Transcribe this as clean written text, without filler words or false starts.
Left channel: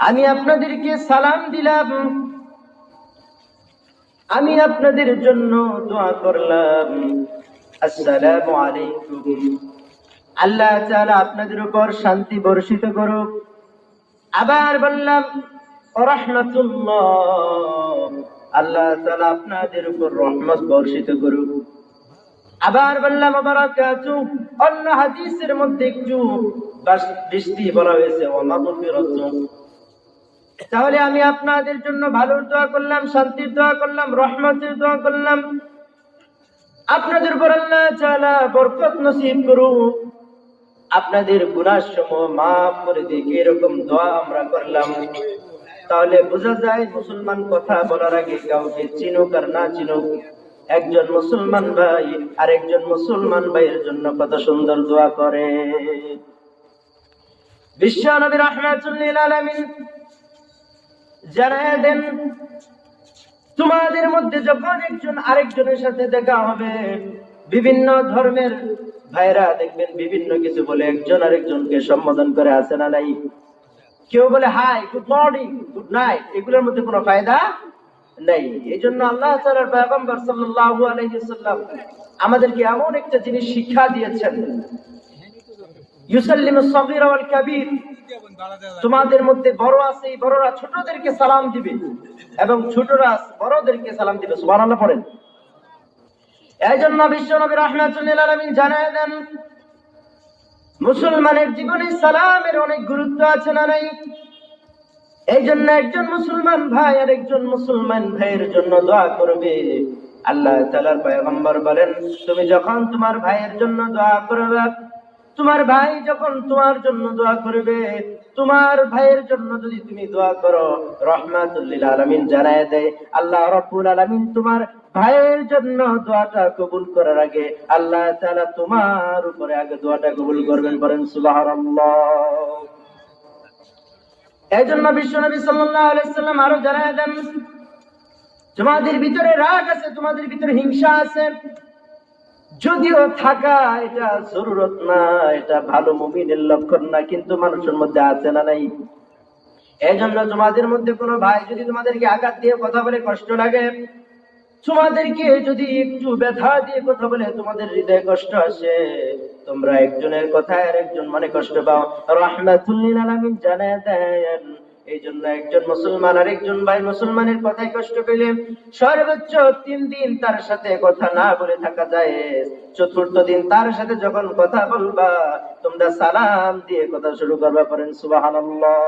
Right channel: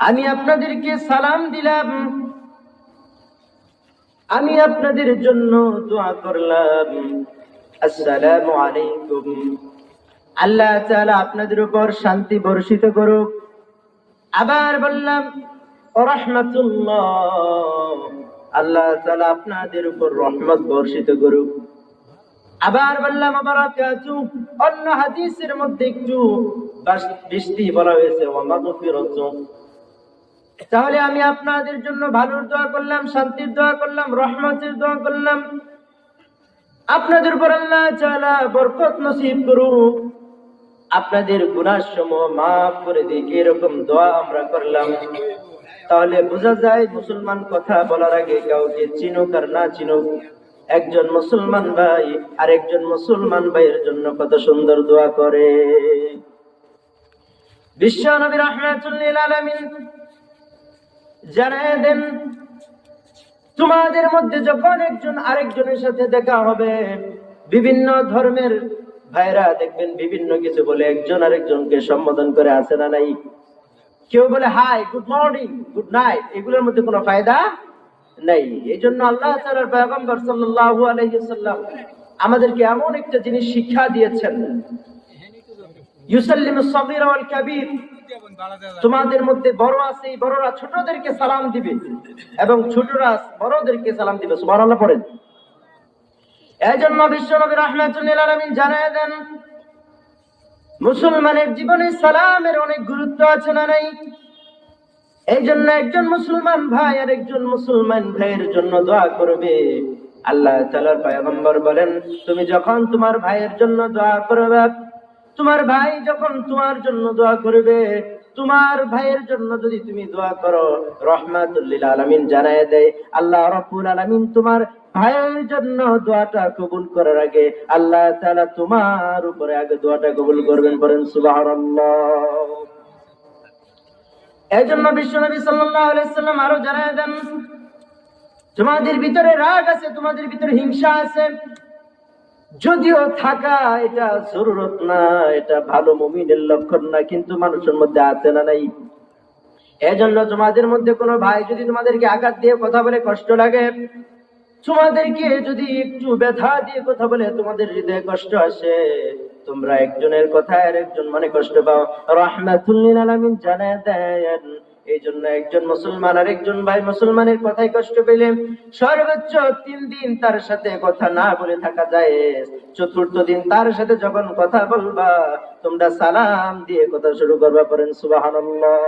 আমি আপনাদেরকে সালাম দিলাম, আমি আপনাদের জন্য দোয়া করলাম, আসসালামু আলাইকুম, আল্লাহ তাআলা আপনাদের উপর শান্তি বর্ষিত করুক। আবার বললাম রাহমাতুল্লাহ, আল্লাহ তাআলা আপনাদের উপর রহমত বর্ষিত করুক। আবার বললাম বারাকাতু, অন্য হাদিসের মধ্যে একটু বৃষ্টি বলা হয়েছে ওয়া মাগফিরাতু। তাহলে আমি আপনাদের জন্য ভালোর দোয়া করলাম, শান্তির দোয়া করলাম, রহমতের দোয়া করলাম। আপনাদের উপর আল্লাহ তাআলা বরকত নসিব করুক, আপনাদের গুনাহ সমূহ মাফ করে দিক, এরকম দোয়া আমরা করলাম। তাহলে বোঝা যায় মুসলমান কথা বলার আগে কাউকে চিনুক আর না চিনুক, একজন মুসলমান ভাই আর একজন মুসলমান ভাইয়ের জন্য কত সুন্দর দোয়া করে। বিশ্ব নবী রাহমাতুল লিল আলামিন জানায় দেন, তোমাদের মধ্যে যখন একজন আরেকজনের সাথে দেখা হবে, বিভিন্ন ধর্মের ভাইরা দেখবেন বিভিন্ন কিছু বলে একজন আরেকজনকে সম্বোধন করে, আছে না নাই? কেউ বলে hi, good morning, good night, এগুলোর মধ্যে কোনো ফায়দা নাই। এই জন্য আল্লাহ তাআলার পয়গম্বর সাল্লাল্লাহু আলাইহি ওয়াসাল্লাম আমাদেরকে এমন একটা জিনিস শিক্ষা দিয়েছেন, ইউসাল্লিমুস সাগীরা ওয়াল কাবীর, তোমাদের মধ্যে বড় আছে, বড়রা ছোটদেরকে সালাম দিবে এবং ছোটরা বড়দেরকে সালাম দিবে। সুবহানাল্লাহ পড়েন। এই জন্য বিশ্বনবী রাহমাতুল লিল আলামিন জানায় দেন, মুসলমানের জীবনে সালামের অনেক গুরুত্ব আছে না নাই? এই জন্য একজন মুসলমান ভাই আর একজন মুসলমান ভাইয়ের জন্য দোয়া করবে। আল্লাহ তাআলার পয়গম্বর বলেন, তুমি যখন তোমার ভাইয়ের জন্য দোয়া করবে, তোমার ভাই যখন তোমার জন্য দোয়া করবে, তোমার ভাইয়ের জন্য যদি তুমি দোয়া করো, রাহমাতুল লিল আলামিন জানায় দেয় আল্লাহ রাব্বুল আলামিন তোমার ভাইয়ের জন্য দোয়াটা কবুল করার আগে আল্লাহ তাআলা তোমার উপরে আগে দোয়াটা কবুল করবেন। বলেন সুবহানাল্লাহ। এই জন্য বিশ্বনবী সাল্লাল্লাহু আলাইহি ওয়াসাল্লাম আরো জানায় দেন, তোমাদের ভিতরে রাগ আছে, তোমাদের ভিতরে হিংসা আছে, যদিও থাকা এটা জরুরত না, এটা ভালো মুমিনের লক্ষণ না, কিন্তু মানুষের মধ্যে আছে না নাই? এই জন্য তোমাদের মধ্যে কোনো ভাই যদি তোমাদেরকে আঘাত দিয়ে কথা বলে কষ্ট লাগে, তোমাদেরকে যদি একটু ব্যথা দিয়ে কথা বলে তোমাদের হৃদয়ে কষ্ট আসে, তোমরা একজনের কথায় আর একজন মনে কষ্ট পাও, রাহমাতুল লিল আলামিন জানায় দেন, এই জন্য একজন মুসলমান আর একজন ভাই মুসলমানের কথায় কষ্ট পেলে সর্বোচ্চ 3 দিন তার সাথে কথা না বলে থাকা যায়। চতুর্থ দিন তার সাথে যখন কথা বলবা, তোমরা সালাম দিয়ে কথা শুরু করবা। করেন সুবহানাল্লাহ।